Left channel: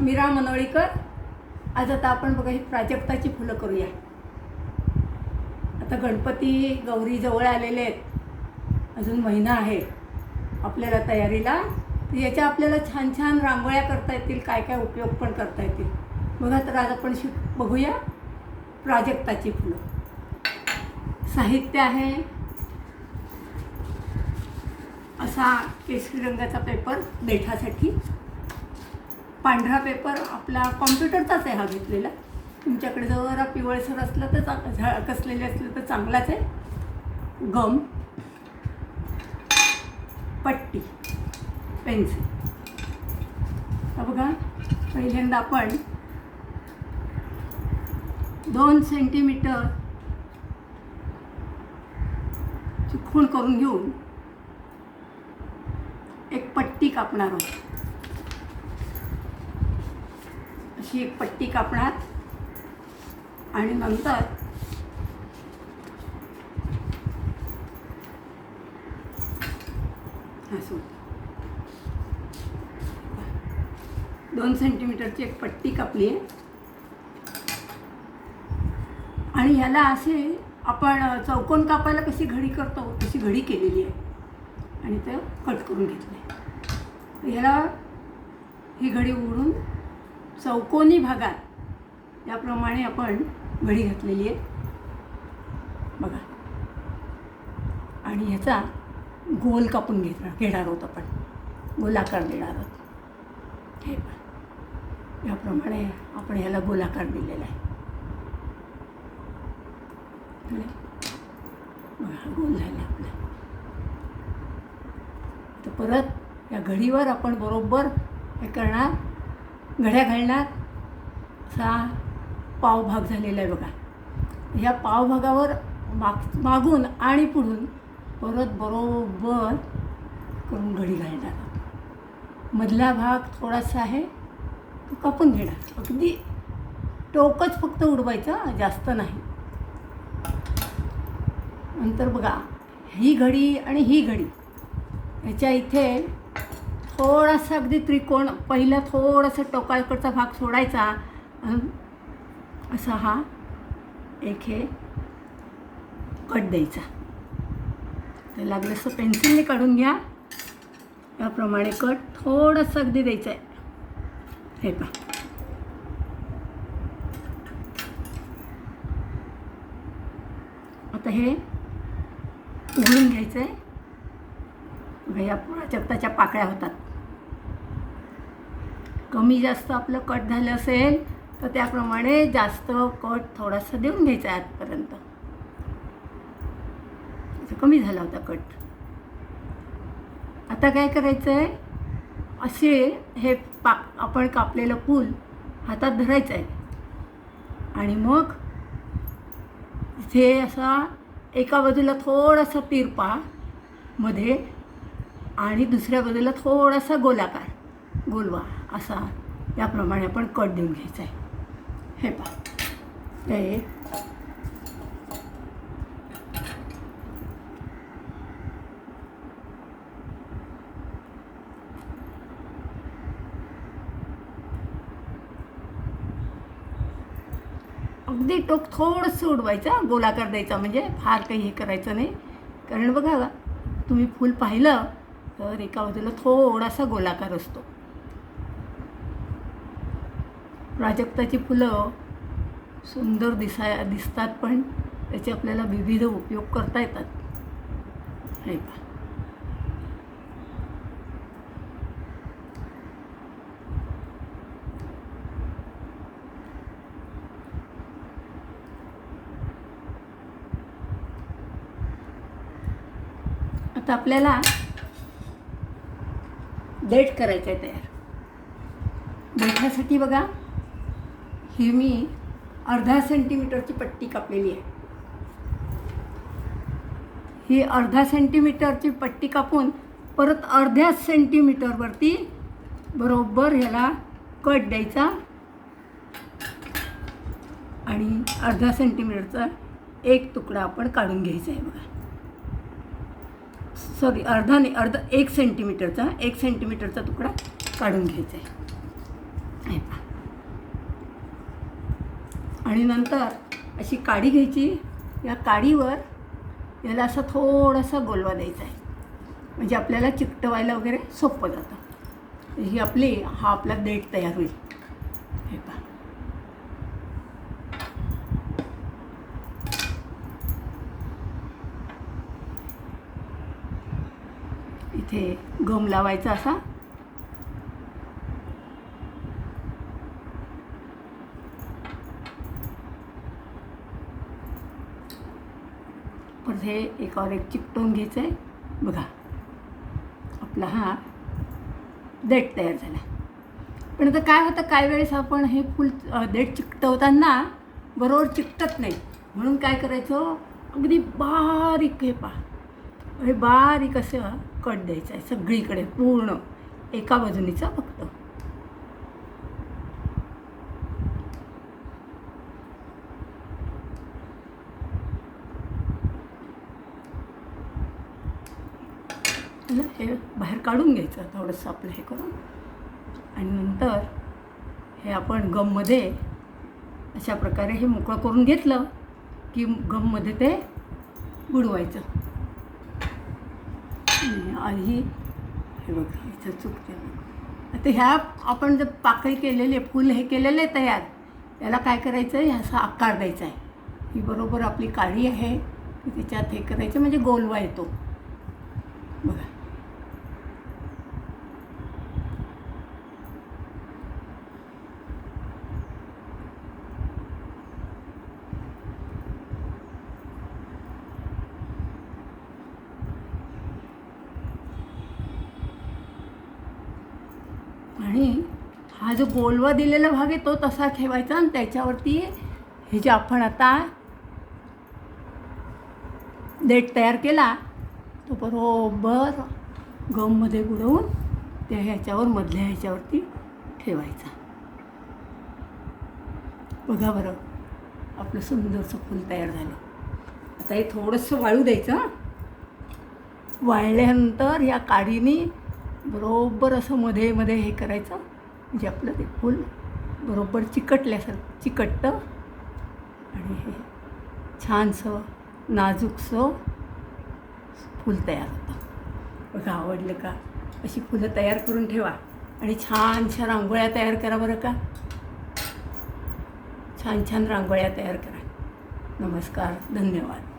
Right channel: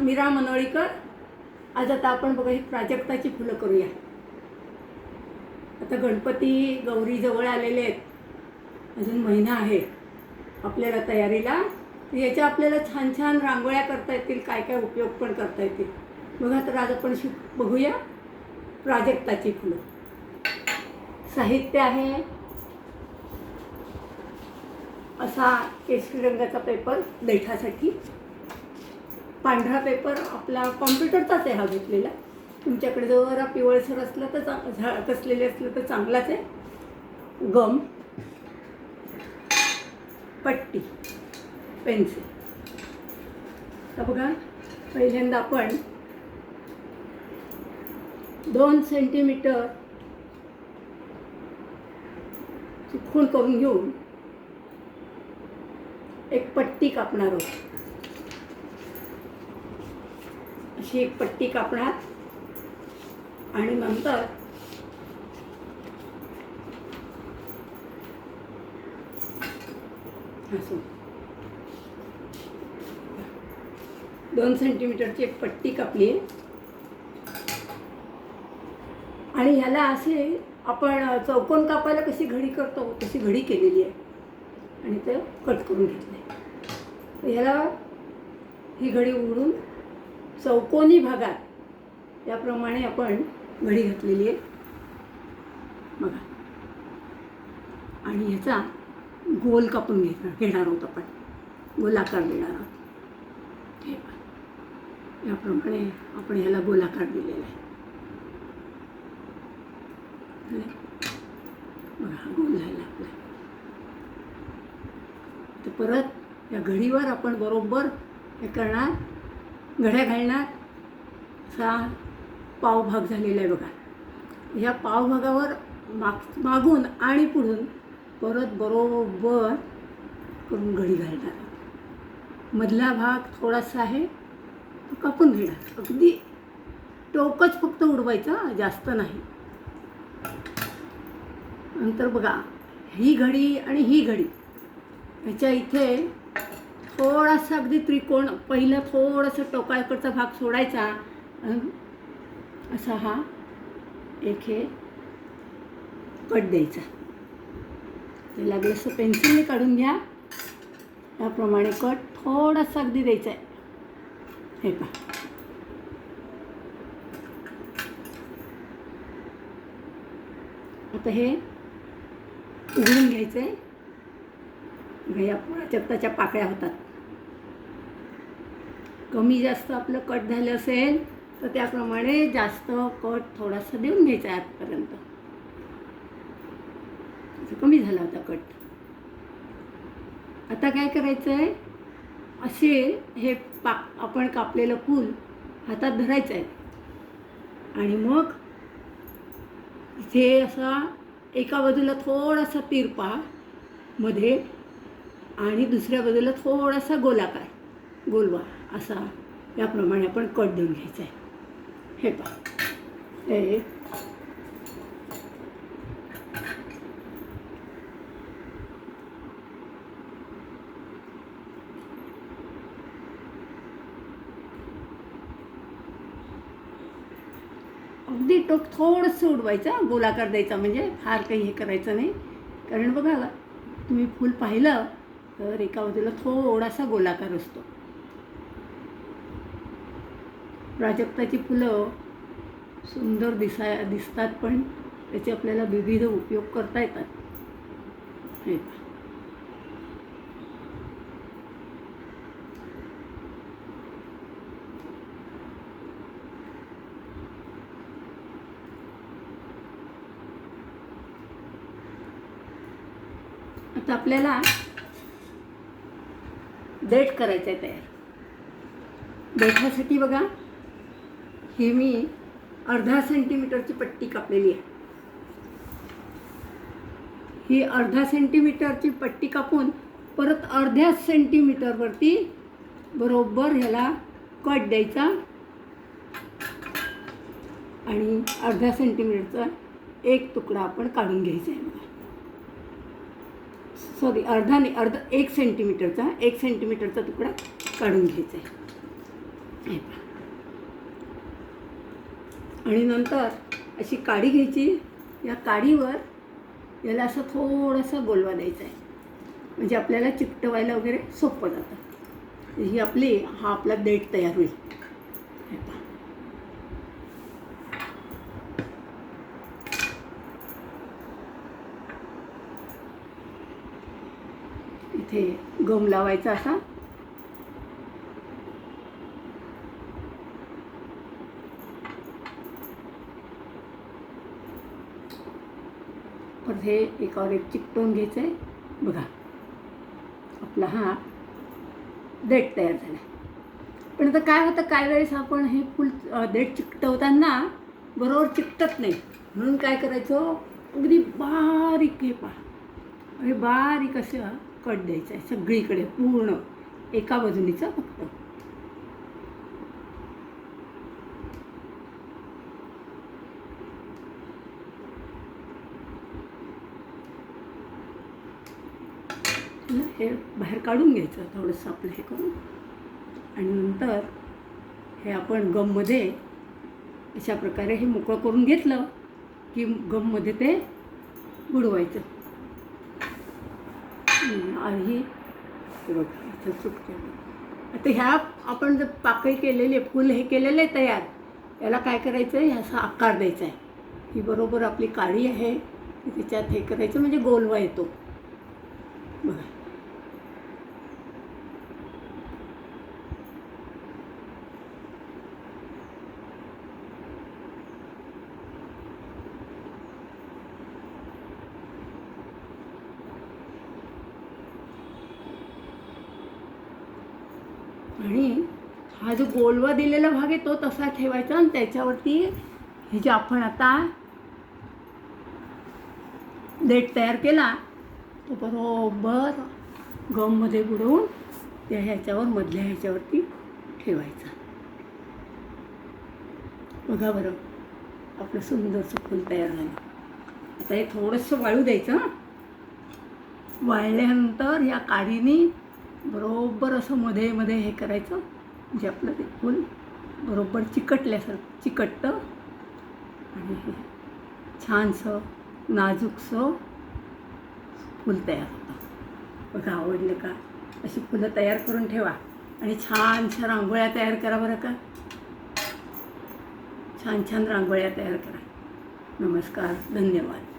मीरा मनोळीकर. आज आता आपण बघा ही प्राजक्ताची फुलं करूया. आता गणपती गौरी जवळ आलेले आहेत, अजून महिना आहे आपल्याला तयारीला. याच्या आपल्याला छान छान रांगोळ्या करता येतील, काय काय उपयोग पण करता येतील बघा. तर आज आपण बघूया प्राजक्ताची फुलं. साहित्य आहे असा केशरी रंगाचा पेपर देठासाठी, पांढरा पेपर आपला कॉम्प्युटरचाच आहे हा घेतलेला. तुमच्याकडे जरा पिवळसर असला तर कसलेले असलं तर चांगलाच आहे. गम, पट्टी, पेन्सिल. तर बघा पहिल्यांदा आपण 2 सेंटीमीटर ची खूण करून घेऊन एक पट्टी कापणार आहोत. अशी एक पट्टी कापणार आणि नंतर असं 2 सेंटीमीटरची एक पट्टी कापली आहे. आणि ह्याला असे आपण चौकोन कापायला कशी घडी करतो तशी घडी केलेली आहे आणि ते कट करून घेतलं आहे. ह्याला ही घडी उघडून चौकोनी भागात याप्रमाणे आपण घडी घातलेली आहे बघा. आणि ह्याचा गोल कापून घेणार आहोत आपण, गोलाकार देणार आहोत. हे बघा याप्रमाणे आपण ह्याला गोलाकार दिलेला आहे बघा. गोल झाला आपला. तर परत या घडीवर आपण बरोबर हे करणार, घड्या घालणार. असा पाव भाग झालेला आहे बघा. ह्या पाव भागावर मागून आणि पुढून परत बरोबर करून घडी घालणार. मधला भाग थोडासा आहे कापून घेणार. अगदी टोकच फक्त उडवायचं, जास्त नाही. नंतर बघा ही घडी आणि ही घडी ह्याच्या इथे थोडासा अगदी त्रिकोण, पहिला थोडासा टोकाकडचा भाग सोडायचा. असा हा एक हे कट द्यायचा. तर लागलं असं पेन्सिलने काढून घ्या. याप्रमाणे कट थोडासा अगदी द्यायचा आहे. हे पहा आता हे घालून घ्यायचं आहे. या प्राजक्ताच्या पाकळ्या होतात. कमी जास्त आपलं कट झालं असेल तर त्याप्रमाणे जास्त कट थोडासा देऊन घ्यायचा आहे आतपर्यंत. कमी झाला होता कट. आता काय करायचं आहे, असे हे आपण कापलेलं फूल हातात धरायचं आहे आणि मग इथे असा एका बाजूला थोडासा तिरपा मध्ये आणि दुसऱ्या बाजूला थोडासा गोलाकार गोलवा असा याप्रमाणे आपण कट देऊन घ्यायचा आहे. हे पहा हे अगदी टोक थोडंसं उडवायचं, गोलाकार द्यायचा. म्हणजे फार काही हे करायचं नाही. कारण बघा तुम्ही फूल पाहिलं तर एका बाजूला थोडासा गोलाकार असतो. प्राजक्ताची फुलं सुंदर दिसतात पण त्याचे आपल्याला विविध उपयोग करता येतात. हे आता आपल्याला देठ करायचं आहे तयार. देठासाठी बघा ही मी 1/2 सेंटीमीटरची पट्टी कापलेली आहे. ही 1/2 सेंटीमीटरची पट्टी कापून परत 1/2 सेंटीमीटरवरती बरोबर ह्याला कट द्यायचा आणि 1/2 सेंटीमीटरचा एक तुकडा आपण काढून घ्यायचा आहे बघा. सॉरी अर्धा 1 सेंटीमीटरचा तुकडा काढून घ्यायचा आहे. हे पहा. आणि नंतर अशी काडी घ्यायची. या काडीवर याला असं थोडंसं गोलवा द्यायचा आहे, म्हणजे आपल्याला चिकटवायला वगैरे सोपं जातं. ही हा आपला देठ तयार होईल. हे पहा. इथे गम लावायचा असा. परत हे एकावर एक चिकटवून घ्यायचं आहे. बघा, आपला हा देठ तयार झाला. पण आता काय होतं, काही वेळेस आपण हे फुल देठ चिकटवताना बरोबर चिकटत नाही, म्हणून काय करायचं, अगदी बारीक हे पहा, हे बारीक असं कट द्यायचं आहे सगळीकडे, पूर्ण एका बाजूनीचं फक्त. हे बाहेर काढून घ्यायचं थोडंसं आपलं हे करून. आणि नंतर हे आपण गममध्ये अशा प्रकारे हे मोकळं करून घेतलं की गममध्ये ते बुडवायचं. आणि हे बघा इथं चुकते. आता ह्या आपण जर पाकळी केलेले फूल हे केलेलं आहे तयार, याला काय करायचं आहे, ह्याचा आकार द्यायचा आहे. ही बरोबर आपली काळी आहे, त्याच्यात हे करायचं म्हणजे गोलवा येतो. बघा, आणि हा जो गोलवा दिलेला भाग आहे तो तसा ठेवायचा. आणि त्याच्यावरती हे जे आपण आता देठ तयार केला तो बरोबर गममध्ये बुडवून त्या ह्याच्यावर मधल्या ह्याच्यावरती ठेवायचा. बघा बरं, आपलं सुंदरसं फूल तयार झालं. आता हे थोडंसं वाळू द्यायचं. वाळल्यानंतर या काडीने बरोबर असं मध्ये मध्ये हे करायचं, म्हणजे आपलं ते फूल बरोबर चिकटल्यासारखं चिकटतं आणि हे छानसं नाजूकसं फूल तयार होतं. बघा, आवडलं का? अशी फुलं तयार करून ठेवा आणि छानशा रांगोळ्या तयार करा बरं का. छान छान रांगोळ्या तयार करा. नमस्कार, धन्यवाद.